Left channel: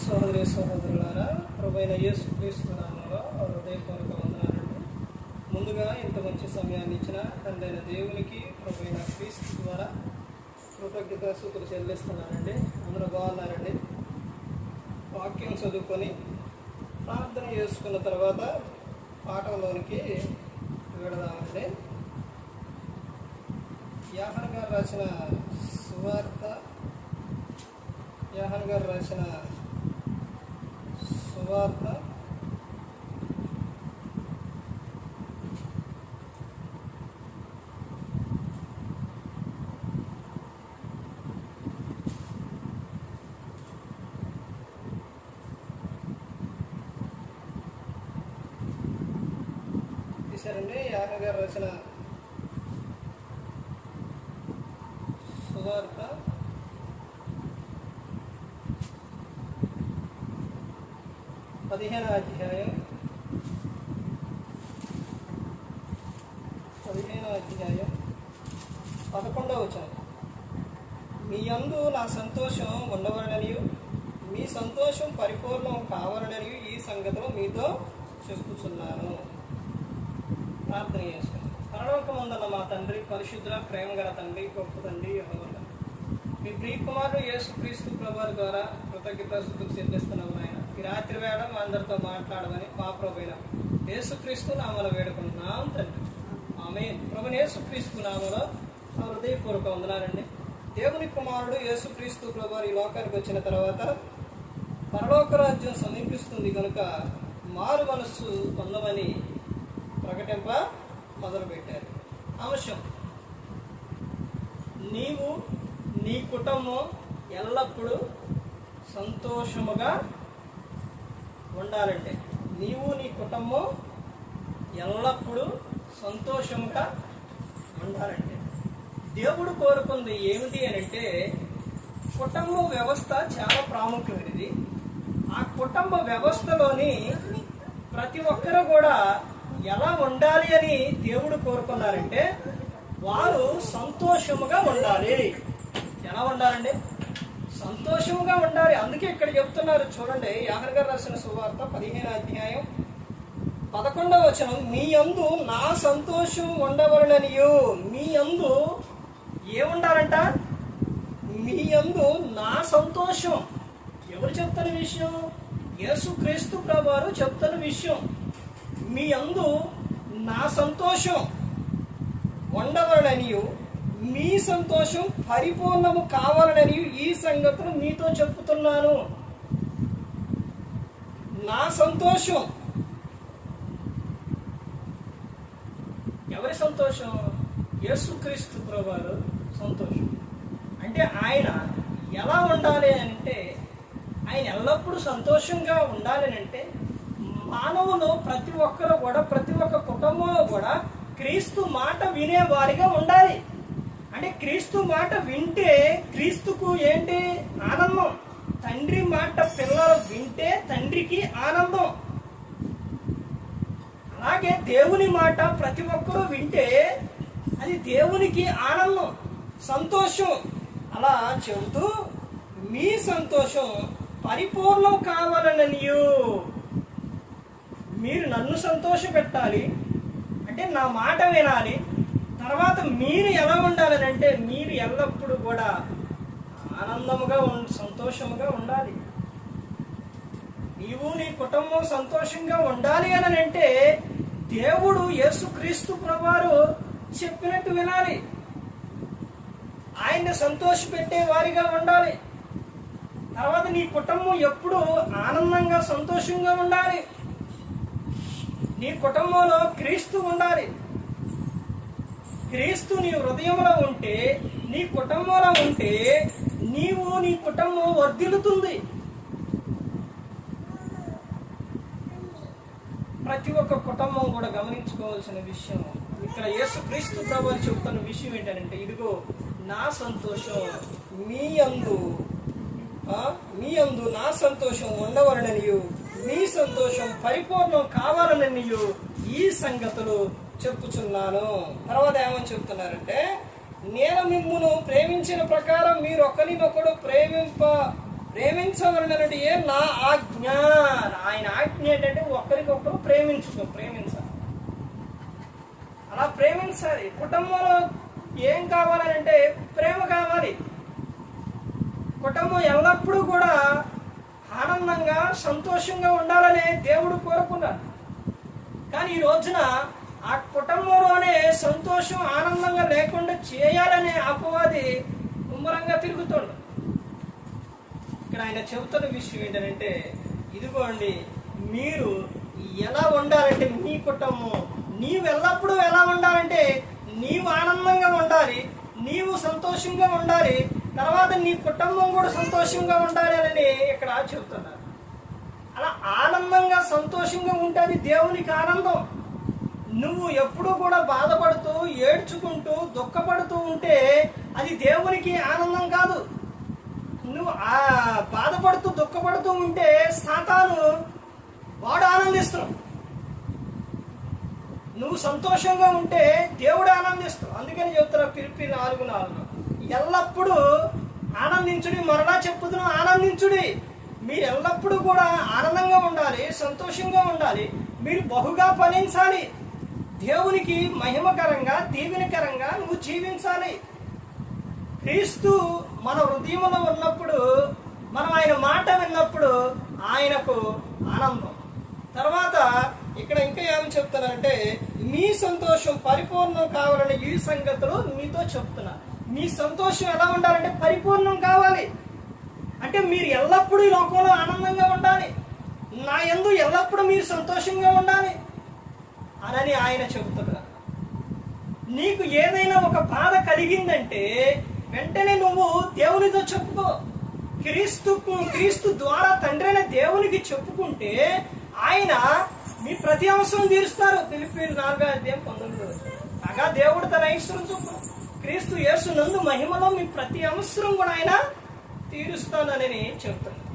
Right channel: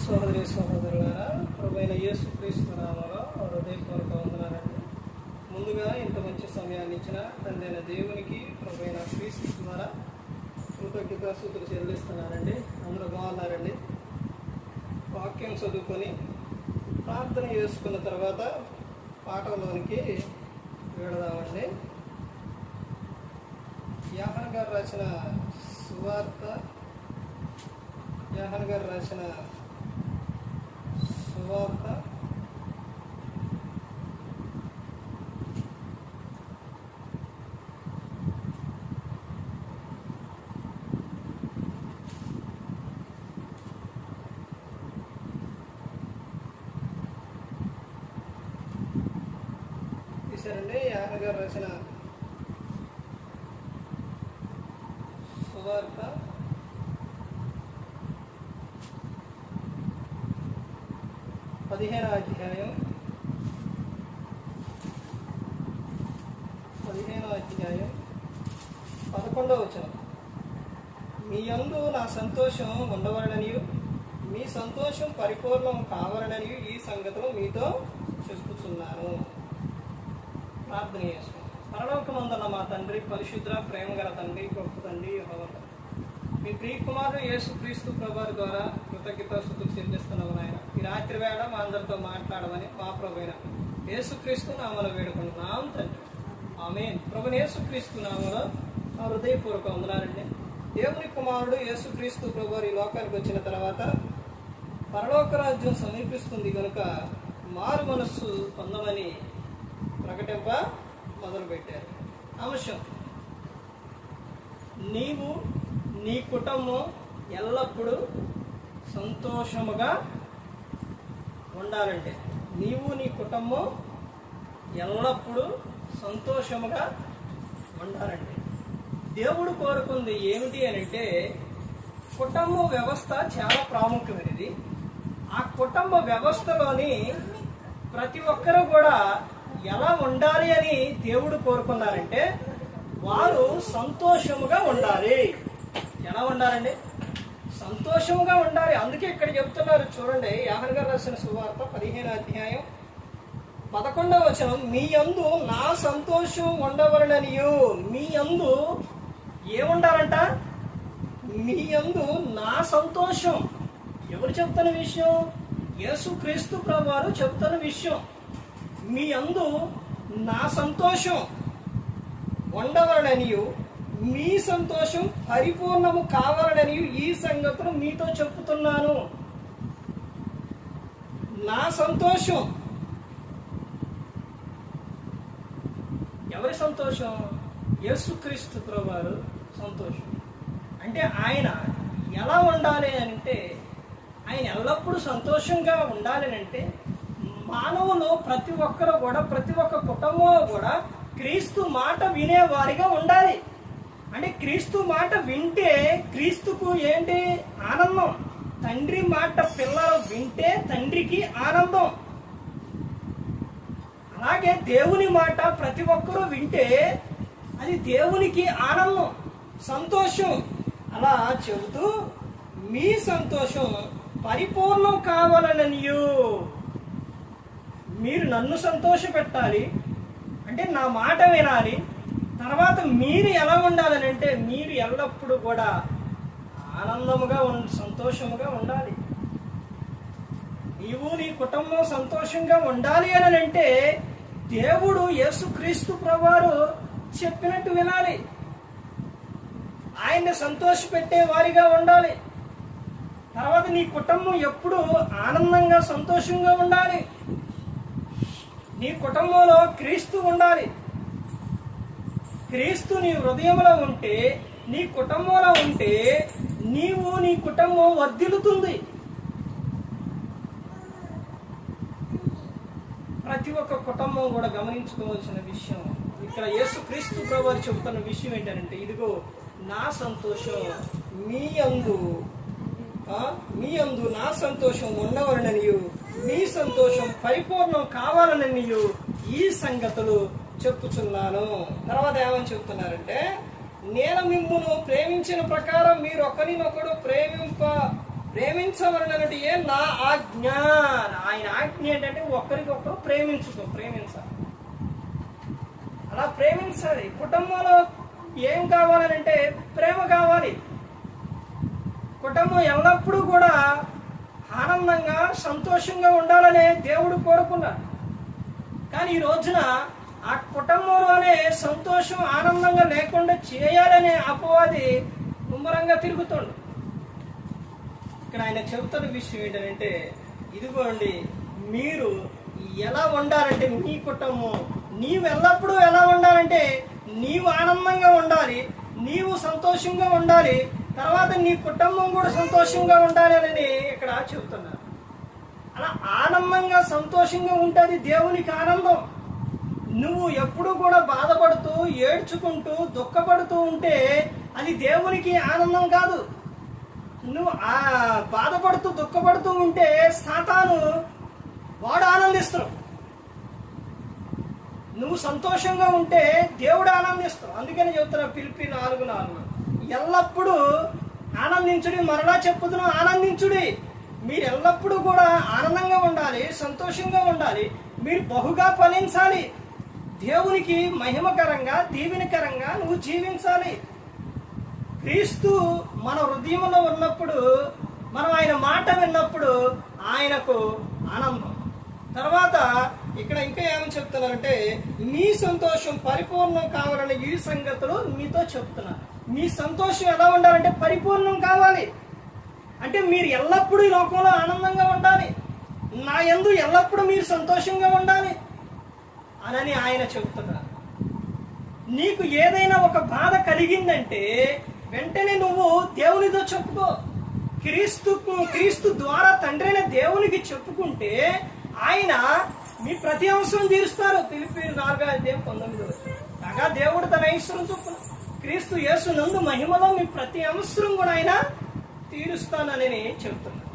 సోదరి సహోదరులారా ప్రభుైన యేసు క్రీస్తు నామలో హృదయపూర్వక వందనాలండి. ముందుగా ఇంత మంచి సమయాన్ని ఇచ్చిన తండ్రైన దేవునికి ప్రభుైన క్రీస్తు ద్వారా కృతజ్ఞత సూతులు చెల్లిస్తున్నానండి. అందరూ బాగున్నారండి? వాక్యం చదువుకొని ప్రార్థన చేసుకున్న తర్వాత పాఠంలోనికి వెళదామండి. యాహన్ గారు రాసిన సువార్త యాహన్ గారు రాసిన సువార్త. తీశారండి యాహన్ గారు రాసిన సువార్త. పదిహేనవ అధ్యాయం. పదిహేను అధ్యాయం. పదకొండవ వచనం. మీ యందు నా సంతోషం ఉండవలననియు మీ సంతోషం పరిపూర్ణం కావాలననియు ఈ సంగతులు మీతో చెప్పుచున్నాను. ప్రార్థన చేస్తాను. పరలోకమందున్న మా తండ్రి పరిశుద్ధ ప్రేమ గల తండ్రి గొప్ప తండ్రి మీ ప్రియ కుమారుడు యేసు క్రీస్తు ప్రభు ద్వారా కృతజ్ఞత శుద్ధులు చెల్లిస్తున్నాము ఆయన ఈ రాత్రి వేళ మా అందరితో మాట్లాడమని మా ప్రభుైన యేసు క్రీస్తు నామలో వేడుకుంటున్నాం తండ్రి. ఆమె ప్రభు యేసు క్రీస్తు నామలో హృదయపూర్వక వందనాలండి. దేవుని కుమారుడు యేసు క్రీస్తు ప్రభు ఈ లోకానికి వచ్చిన తర్వాత పరలోక రాజ్యం సమీపిస్తుంది కనుక మారు మనస్సు పొందమని ప్రకటింప మొదలుపెట్టారు. అంశం నీవు నీ కుటుంబం ఎల్లప్పుడూ సంతోషముగా ఉండాలంటే. నీవు నీ కుటుంబం ఎల్లప్పుడూ సంతోషముగా ఉండాలంటే. దేవుడు కోరుకుంది ఏమిటి అని అంటే కుటుంబ వ్యవస్థ చాలా ప్రాముఖ్యమైనది. ఆ కుటుంబ వ్యవస్థలోని ప్రతి ఒక్కరూ కూడా ఎలా ఉండాలి అని దేవుడు కోరుకున్నారంటే వారు సంతోషముగా ఉండాలి. ఎలా ఉండాలండి? సంతోషంగా ఉండాలి. అందుకే ఇక్కడ చెప్తున్నారు చూడండి యాహన్ గారు రాసిన సువార్త పదిహేను అధ్యాయం పదకొండవ వచనం మీ అందు నా సంతోషం ఉండవలననియు. మీ అందు ఏముండాలంట? మీ అందు నా సంతోషం. ఎవరు చెప్తున్న విషయం? యేసుక్రీస్తు ప్రభువారు చెప్తున్న విషయం. మీ అందు నా సంతోషం ఉండవలననియు. మీ సంతోషం పరిపూర్ణము కావాలనని ఈ సంగతులు మీతో చెప్పుతున్నాను. నా సంతోషం. ఎవరి సంతోషం? యేసుక్రీస్తు ప్రభువారు సంతోషం. అంటే ఆయన ఎలా ఉండాలి అని అంటే ఆయన ఎల్లప్పుడూ సంతోషంగా ఉండాలి అంటే మానవులు ప్రతి ఒక్కరు కూడా ప్రతి ఒక్క కుటుంబంలో కూడా క్రీస్తు మాట వినేవారిగా ఉండాలి. అంటే క్రీస్తు మాట వింటే క్రీస్తుకు ఏంటి ఆనందం? తండ్రి మాట పిల్లలు వింటే తండ్రికి ఆనందం. అలాగే దేవుని మాట ప్రతి ఒక్కరూ వింటే అది దేవునికి ఆనందం సంతోషం. అలా చెబుతూ మీ సంతోషం పరిపూర్ణం కావాలననియు. మీరు నన్ను సంతోష పెట్టాలి అంటే నా మాట వినాలి. తర్వాత మీరు ఎలా ఉండాలని అంటే మీరు ఎల్లప్పుడూ కూడా ఆనందముగా ఉం సంతోషముగా ఉండాలి. నీవు నీ కుటుంబం సంతోషంగా ఉండాలి అని అంటే దేవుడు యేసుక్రీస్తు ప్రభువారు చెప్పినట్టు వినాలి. ఆయన్ని సంతోషపెట్టే వారిగా ఉండాలి. తర్వాత నీ కుటుంబం ఎప్పుడు ఆనందంగా సంతోషంగా ఉండాలి. నీ కుటుంబంలో క్రీస్తు ఉండాలి. క్రీస్తు నీ హృదయంలో ఉంటే నీ కుటుంబంలో ఉంటే నీవు నీ కుటుంబం వర్ధిల్లుతుంది. ప్రతి ఒక్క కుటుంబం కూడా గమనించుకోవాల్సిన విషయం ఇక్కడ యేసు క్రీస్తు ప్రభు చెబుతున్న విషయం ఏంటంటే ఇదిగో నా సంతోషం మీ అందు మీ అందు నా సంతోషం ఉండవలననియు మీ సంతోషం పరిపూర్ణం కావాలననియు ఈ సంగతులు చెప్పుచున్నాను. తర్వాత ఏమని చెబుతున్నారంటే నేను మిమ్మును ప్రేమించిన ప్రకారం మీరు ఒకరినొకడు ప్రేమింప ప్రేమించవలనటి ఏ నా ఆజ్ఞ. ఆయన ఆజ్ఞ ఏంటంటే ఒకరికొకరు ప్రేమించుకో ప్రేమించాలి అలా ప్రేమించాలి. కుటుంబంలో ఏం కావాలంటే ప్రేమ కావాలి. కుటుంబం ఎల్లప్పుడూ కూడా ఆనందంగా సంతోషంగా ఉండాలనే దేవుడు కోరుకున్నాడు. కానీ ఈ రోజున ఆ కుటుంబంలోనే సంతోషం ఆనందంగా లేకుండా చేయాలనే అపవాది ముమ్మరంగా తిరుగుతుండు ఇక్కడ ఆయన చెబుతున్న విషయం ఏంటంటే ఇదిగోండి మీరు ఎలా ఉండాలంటే మీ కుటుంబం నీవు ఎల్లప్పుడూ ఎలా ఉండాలంటే నీవు ఆనందంగా ఉండాలి నీవు సంతోషంగా ఉండాలి తర్వాత నీ కుటుంబం కూడా సంతోషంగా ఉండాలి అని ఇక్కడ చెబుతున్నారు. అలా ఆనందంగా సంతోషంగా ఉంటుంది దేవునికి ఆనందం. నువ్వు ఎప్పుడు కూడా బాధపడుతూ ఏడ్చుకుంటూ దుఃఖపడుతూ ఉంటే అది దేవునికి ఆనందం కాదు. నువ్వు ఆ బాధపడుతూ దుఃఖపడుతూ ఉంటే సాతాను వాడు ఆనందిస్తున్నావు నువ్వు సంతోషంగా ఉంటే దేవుడు ఆనందిస్తావు అందుకని చెప్తున్నా పిలిపి నాలుగు నాలుగు. ఎల్లప్పుడూ ఆనందించుడి మరలా చెప్పుతున్నాం ఆనందించుడి. మీరు ఎల్లప్పుడూ కూడా ఆనందంగా ఉండాలి సంతోషంగా ఉండాలి. మీరు బహుగా ఫలించాలి. దేవునికి మహిమకరంగా దీవెనకరంగా నువ్వు జీవించాలి. క్రీస్తు మన హృదయంలో ఉన్నప్పుడు మనం ఆయన మాట విన్నప్పుడు ఆయనకు ఆనందం. తర్వాత ఇక్కడ ఇంకా ఏమని చెప్తున్నారంటే మీ సంతోషం పరిపూర్ణం కావాలని ఈ సంగతులు మీతో చెప్తున్నా. మీ సంతోషం ఎలా ఉండాలంటే పరిపూర్ణం కావాలి. అంటే మీరు ఎల్లప్పుడూ ఈ లోకంలో ఆనందంగా ఉండాలి. నా ఎందు ఎల్లప్పుడూ మీరు సంతోషంగా ఉండాలి. అనని ఆయన చెబుతున్నారు. నీకు ఏదైనా ఒక బాధ కలిగిందంటే వెంటనే నువ్వు దేవునితో చెప్పుకో. క్రీస్తు క్రీస్తు ద్వారా తండ్రి అయిన దేవునికి చెప్పుకుంటే ఆయన మీ ప్రతి అవసరం తీరుస్తారు. పిలిపి నాలుగో అధ్యాయం పంతొమ్మిది కాగా దేవుడు తన ఐశ్వరం చొప్పున క్రీస్తు యేసు నందు మహిమలో మీ ప్రతి అవసరం కూడా ఆయన తీరుస్తానని చెబుతున్నారు.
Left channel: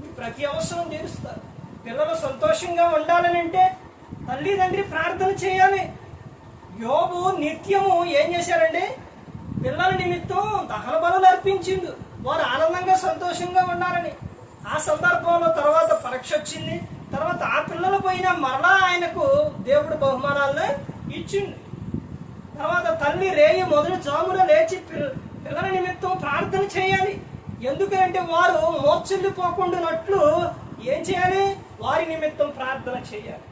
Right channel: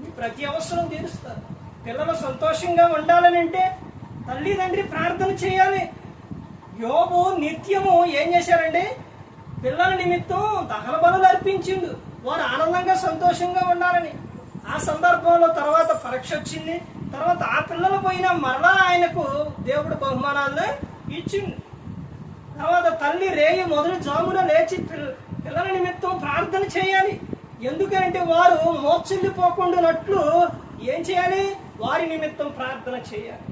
మీ ప్రతి అవసరం తీరుస్తారు. పిల్లలు సంతోషంగా ఉండాలని అంటే తల్లిదండ్రి ప్రార్థన చేయాలి. యోబు నిత్యము ఏం చేశారండి? పిల్లల నిమిత్తం దహన బలులు అర్పించిండు. వారు ఆనందంగా సంతోషంగా ఉన్నారని. ఆ సందర్భంలో తర్వాత పరీక్ష వచ్చింది. తర్వాత ఆ పిల్లలు పోయిన మరలా ఆయనకు దేవుడు బహుమానాలను ఇచ్చిండు. తర్వాత తల్లి రేయి మొదటి జామున లేచి పిల్లల నిమిత్తం ప్రార్థన చేయాలి. ఎందుకంటే వారు మోర్చిల్లిపోకుండానట్లు ఏం చేయాలి? వారి నిమిత్తం ప్రార్థన చేయాలి.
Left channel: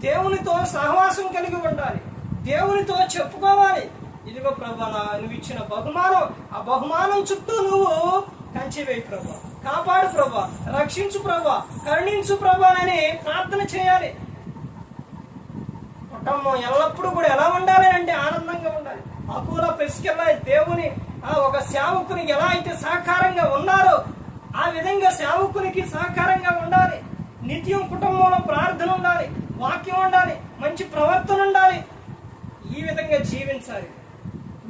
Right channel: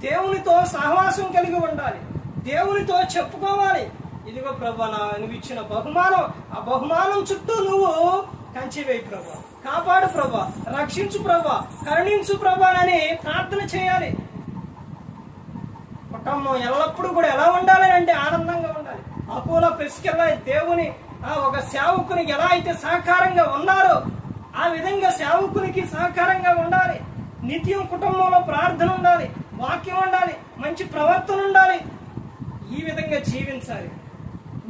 దేవునితో సహవాసం కలిగి ఉండాలి. దేవునితో చెప్పుకోవాలి. ఇదిగో ప్రభా నువ్వు ఇచ్చిన బహుమానం. ఆ బహుమానం చుట్టూ నువ్వు కంచివేయి ప్రభా. కాపాడు ప్రభా. రక్షించు ప్రభా. కరుణించు ప్రభా అని ప్రార్థన చేయాలి. కుటుంబం ఎల్లప్పుడూ కూడా ఎలా ఉండాలి అంటే ఆనందంగా ఉండాలి. అపోలో ప్రెస్కెళ్ళ దేవుని ఆ ఒక సేవకునికి ఎలా అయితే సహకారంగా ఉన్నారో ఆ విధంగా సేవకునికి సహకారంగా ఉండాలి. నిత్యం కుటుంబంలో ప్రార్థన ఉండాలి. వాక్యం ఉండాలి మంచి ప్రవర్తన ఉండాలి. ఈ విధంగా జీవించాలి.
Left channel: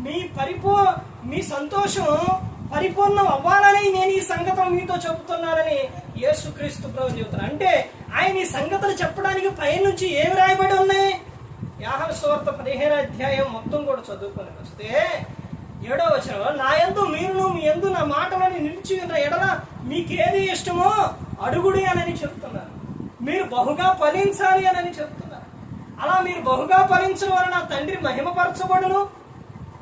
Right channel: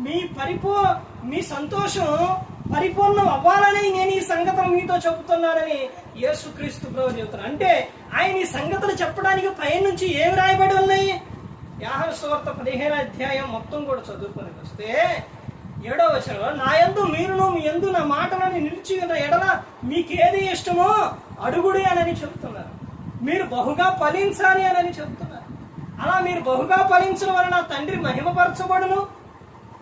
మీ పరిపూ మీ సంతోషం పరిపూర్ణం అవ్వాలని నేను ఈ సంగతులు మీతో చెబుతున్నానని యేసుక్రీస్తు ప్రభు చెబుతున్నారు. అంటే ఆయన ఈ సంగతులు చెప్పడానికి పైనుంచి ఏమి రాయబడి ఉన్నాయి? యాహన సువార్త పదిహేను అధ్యాయం మొత్తం కూడా చదువుకొని వస్తే ఏడో వచనంలో నా ఎందు మీరును మీ ఎందు నా మాటలను నిలిచి ఎడల మీకేది ఇష్టమో అడుగుడి అనని చెప్తున్నారు మీరు బహుగా ఫలించాలి అని చెప్తున్నారు. అలా మీరు బహుగా ఫలించడం వలన నా తండ్రి మహిమపరచబడును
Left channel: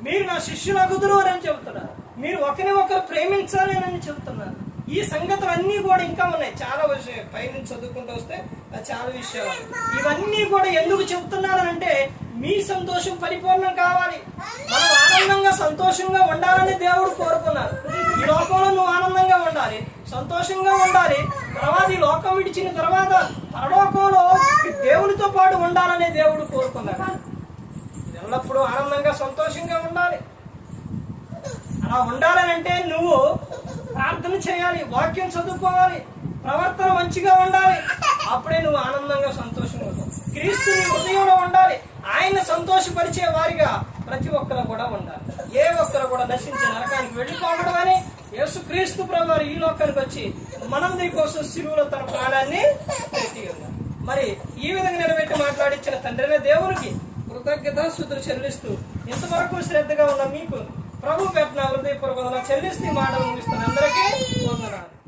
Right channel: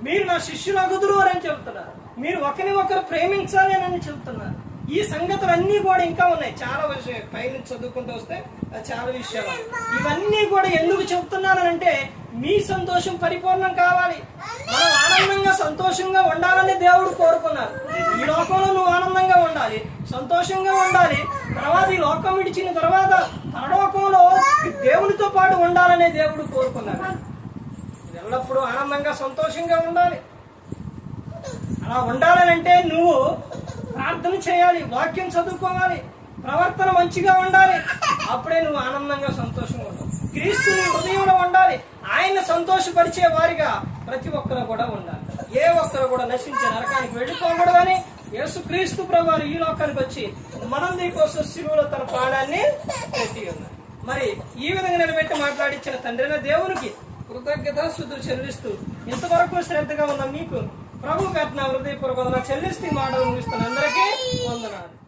మీరు నా శిష్యులగుదురు అని చెబుతున్నారు మీరు ఒకరిని ఒకరు ప్రేమించాలి అని చెప్తున్నారు. ఈ సంగతులన్నీ కూడా ఇంకా ఉన్నాయి. చాలా విషయం. పైనుంచి చదువుకుంటూ వస్తే చాలా విషయాలు. ఇవన్నీ కూడా ఎందుకు చెబుతున్నానంటే మీ సంతోషం పరిపూర్ణం కావాలి. మనం ఆనందంగా సంతోషంగా ఉండాలని దేవుడు కోరుకున్నారు. ఈ లోకంలో నువ్వు ఆనందంగా ఉండాలి సంతోషంగా ఉండాలి. తర్వాత ఈ లోకం విడిచిన తర్వాత పరలోకంలో దేవునితో పాటు ఉండాలనే దేవుడు కోరుకున్నాడు ఎల్లప్పుడూ ఆనందంగా సంతోషంగా ఉండాలి. అలా ఉండాలనంటే నువ్వు ప్రార్థన చేయాలి వాక్యం చదువుకోవాలి ప్రవర్తన మంచిగా ఉండాలి. అప్పుడే నువ్వు ఆనందంగా సంతోషంగా ఉంటావు. క్రీస్తు నీ హృదయంలో ఉండాలి. ఆయన సంతోషపరిచే వారిగా ప్రతి ఒక్కరు కూడా ఉండాలి. ఏ ఒక్కరు కూడా నశించే నరకానికి వెళ్ళిపోకూడదని యేసు క్రీస్తు ప్రభువారు ఈ లోకానికి వచ్చి మనం కోసం శిలువులో తన ప్రాణాన్ని పెట్టి ఉన్నారు. మరి ఈ విధంగా నిలబెట్టి మాట్లాడించిన తండ్రిన దేవునికి కృతజ్ఞత శుద్ధులు చెల్లిస్తూ ఇంతవరకు శ్రద్ధగా ఉన్న మీకు ప్రభు పెట్టిన హృదయపూర్వక చెల్లిస్తూ మాట మాటలు అందరికీ వందనాలు.